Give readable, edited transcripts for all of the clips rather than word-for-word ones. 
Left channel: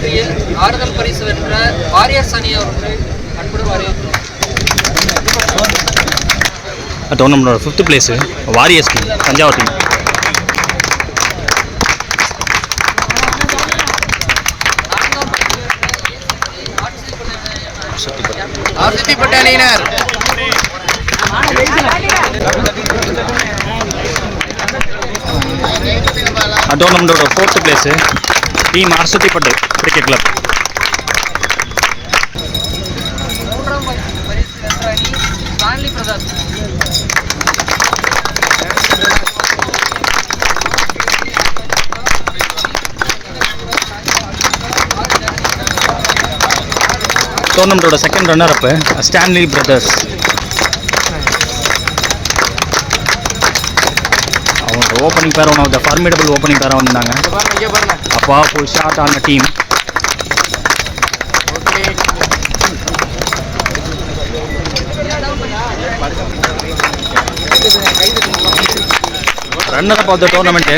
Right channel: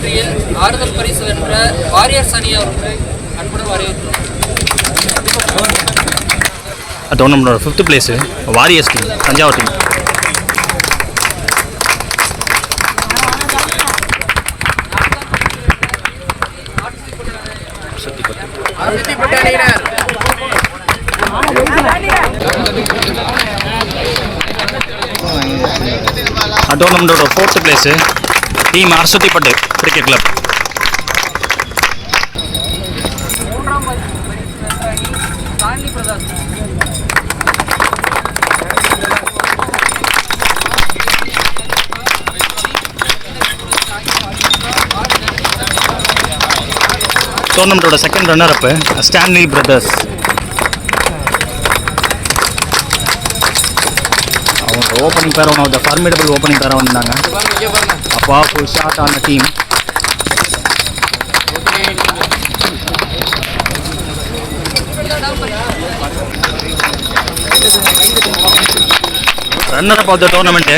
போட்டியில் ஆறுதல் பரிசு வென்ற வாரியர்ஸ் அணி அவர்களை அன்புடன் வரவேற்றோம். டோர்னமெண்டோட 5th place warriors team, Thanjavur team. டோர்னமெண்டோட 4th place team Arasuthipattu cricket club. மூன்றாம் பரிசு வென்ற அணி ஸ்டான்லி பிரதர்ஸ். டோர்னமெண்டோட 2nd runner up Stanley brothers. அவங்க opening pair one of the formidable opening பேராக வந்திருந்தாங்க. அப்பா ஃபுல் ஷாட் ஆன team. Runner up of the tournament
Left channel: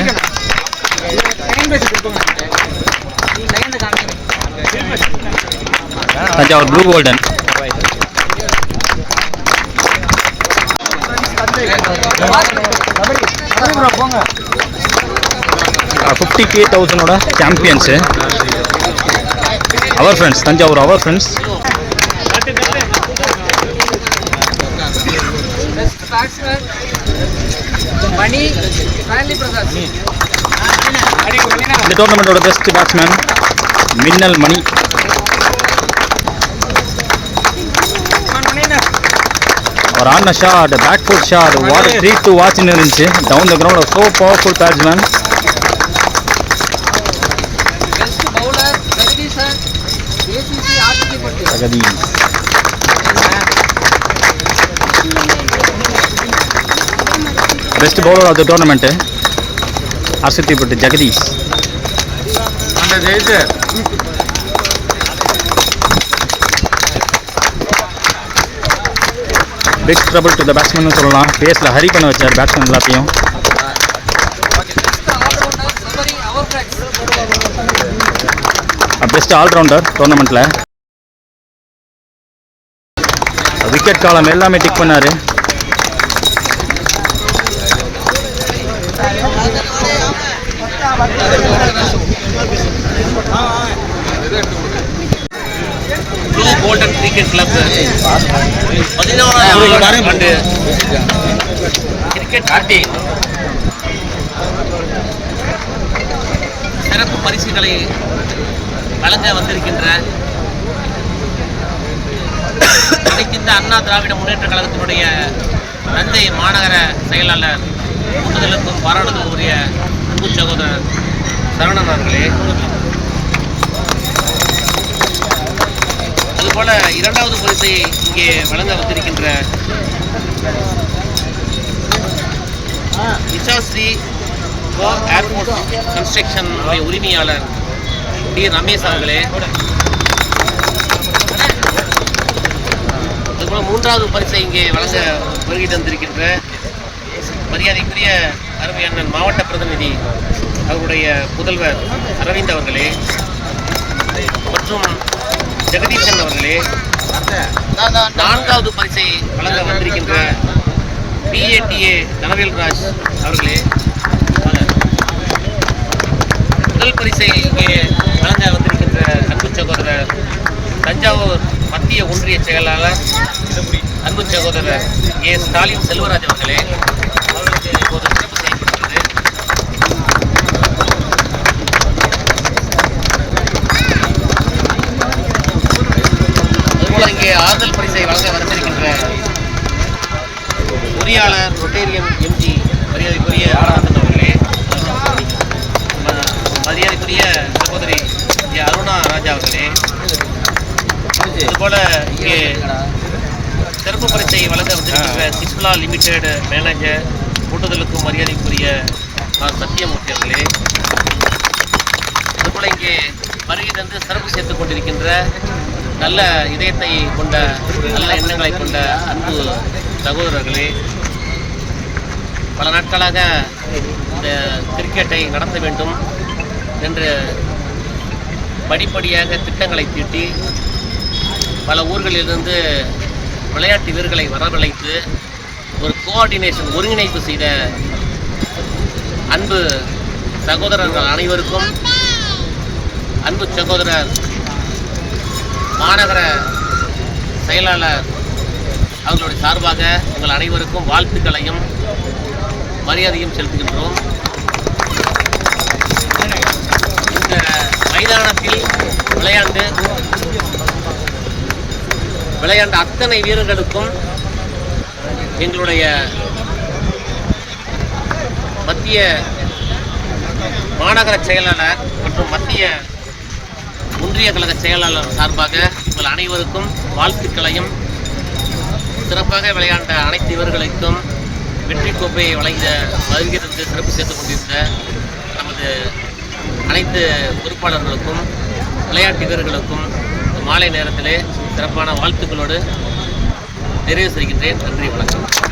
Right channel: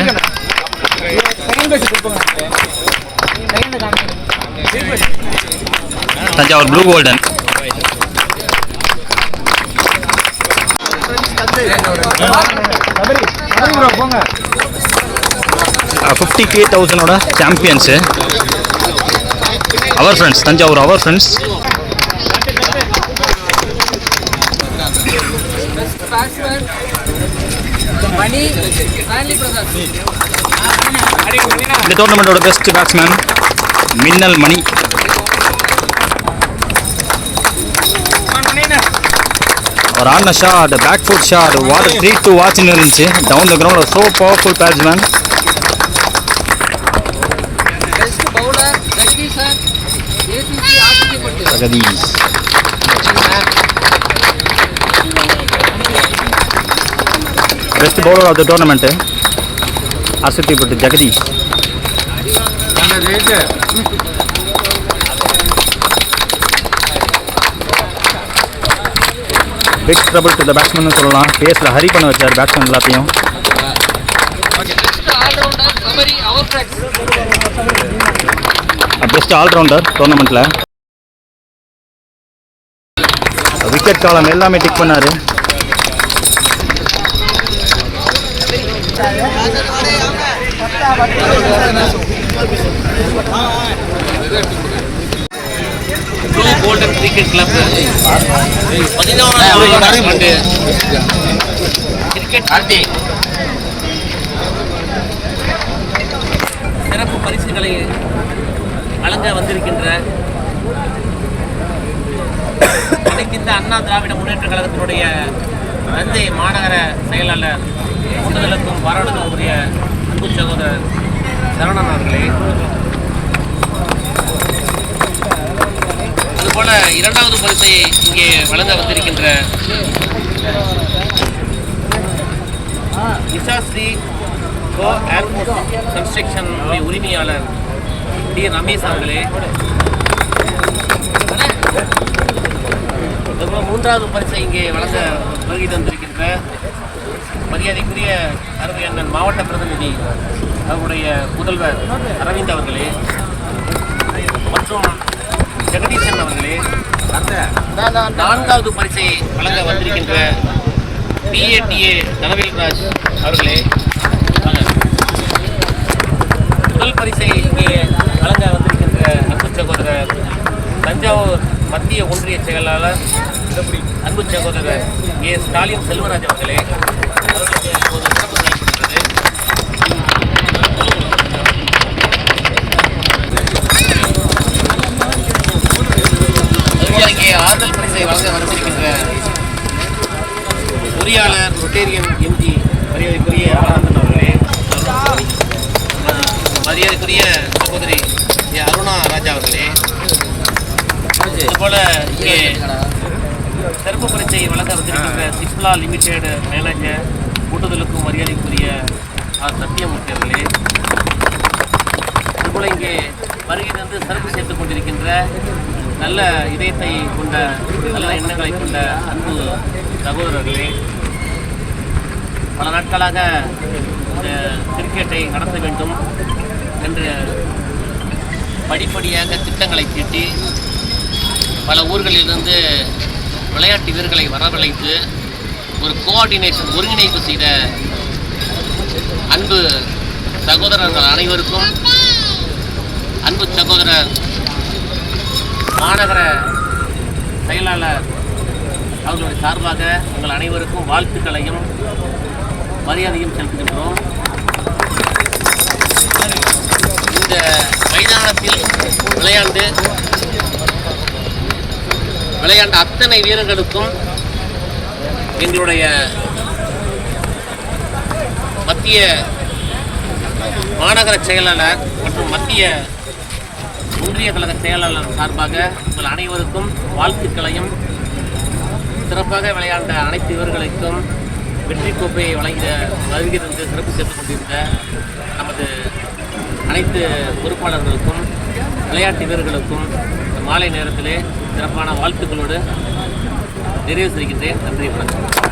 Thanjavur blue golden. $50,000 champions our friends, Thanjavur our friends. இந்த டோர்னமெண்டோட பெஸ்ட் பேட்ஸ்மேன் மின்னல் மணி. அவர் ஆடின shot, back foot shot, what treat to வாட்ச்னு இருந்துச்சு. Down the ground so powerful batsman. Jagadish. Best bowler of the tournament Arasuthipattu Jagadish. Big trouble to the batsman சொல்லலாம். பேஸில் ஹரி பண்ண வச்சார் பேட்ஸ்மேன் எல்லாத்தையும். Best allrounder டோர்னமெண்ட்டில். விக்கெட் காலம் எல்லாமே டிக் பண்ணார். ப்ளூ கோல்டன் கிரிக்கெட் கிளப் 14வது ஆண்டு கிரிக்கெட் போட்டி சிறப்பு பரிசுகளை வழங்க வந்திருக்கின்ற அனைத்திந்த அண்ணா திராவிட முன்னேற்ற கழகத்தினுடைய தஞ்சை மாநகர செயலாளர் கூட்டுதலுக்கும் பாராட்டுதலுக்கும் உரிய அன்பு சகோதரர் சரவணன் அவர்களே, அதுபோல 2வது பரிசை இங்கே வழங்க வந்திருக்கின்ற நிஷாஸ்ரீ கோ ஏர்போர்ட் கன்ஸ்ட்ரக்ஷன் உரிமையாளர் டி ரமேஷ் அவர்களே, அதுபோல் 3வது பரிசை இங்கே வழங்க வருகை தந்திருக்கின்ற மரியாதைக்குரிய அருமை அண்ணன் மாவட்ட பிரதிநிதி அவருடைய புதல்வர் அரவிந்த் அவர்களே மற்றும் ஜெகதீசன் அவர்களே, 4வது பரிசை வழங்க வந்திருக்கின்ற PATA தனவேல்ராஜ் அவர்களே, முதல் பரிசை இங்கே வழங்க வந்திருக்கின்ற அன்பு சகோதரர் தஞ்சாவூர் மத்திய ஒன்றிய செயலாளர் அன்பு சகோதரர் ஏ ஸ்டாலின் செல்வராஜ் அவர்களே, அவர்களுக்கு இப்போது சிறப்பு செய்யப்பட்டுள்ளது. அதுபோல இங்கே ஆறுதல் பரிசை வழங்க வந்திருக்கின்ற பொறியாளர் ரொட்டேரியன் MG மரியாதைக்குரிய ஆனந்தன் அவர்களே, மரியாதைக்குரிய சகோதரி அருணா ராஜா அவர்களே, இதுபோல இங்கே சிறப்பு பரிசை வழங்க வந்திருக்கின்ற சிஸ்லா லிமிடெட் மேனேஜர் கூட்டுதலுக்கும் மரியாதைக்குரிய ஆர் சத்தியமூர்த்தி அவர்களே, அதுபோல் இங்கே வருகை தந்து சிறப்பு சேர்த்து கொண்டிருக்கின்ற நல்ல இதயத்தை கொண்ட நல்ல எண்ணங்களை கொண்ட அன்பு சகோதரர்களே, பல நாட்களாக இந்த கிரிக்கெட்டை நடத்த வேண்டும் என்று படிப்படியாக திட்டங்களை தீட்டி பல ஊர்களிலிருந்து விளையாட்டு வீரர்களை வரவழைத்து ஒரு கோஆர்டினேஷன் ஒருங்கிணைப்பு செய்த அன்பு சகோதரர்கள் அனைவருக்கும், அன்பு சகோதரர் மாநகர செயலாளர் அவர்களுடைய சார்பாக உங்கள் அனைவருக்கும் வாழ்த்துக்களையும் மரியாதையும் செலுத்துகின்றோம். இந்த மைதானத்தில் விளையாண்ட அத்தனை வீரர்களுக்கும் எங்களுடைய மத்திய மாநகர செயலாளர் மற்றும் மத்திய ஒன்றிய கழக செயலாளர் சார்பாக உங்கள் அனைவருக்கும் வாழ்த்துக்களையும், சிறப்பாக விளையாண்ட அனைத்து வீரர்களுக்கும் வெற்றி கோப்பையை வழங்கிய வருகிறது சிறப்பு சேர்த்துக் கொண்டிருந்த நமது அனைத்து பொறுப்பாளர்களுக்கும் விளையாட்டு வீரர்களுக்கும் மாலை நேரத்திலே சிறப்பான வாழ்த்துக்களோடு நிறைவு செய்கின்றேன். நன்றி, வணக்கம்.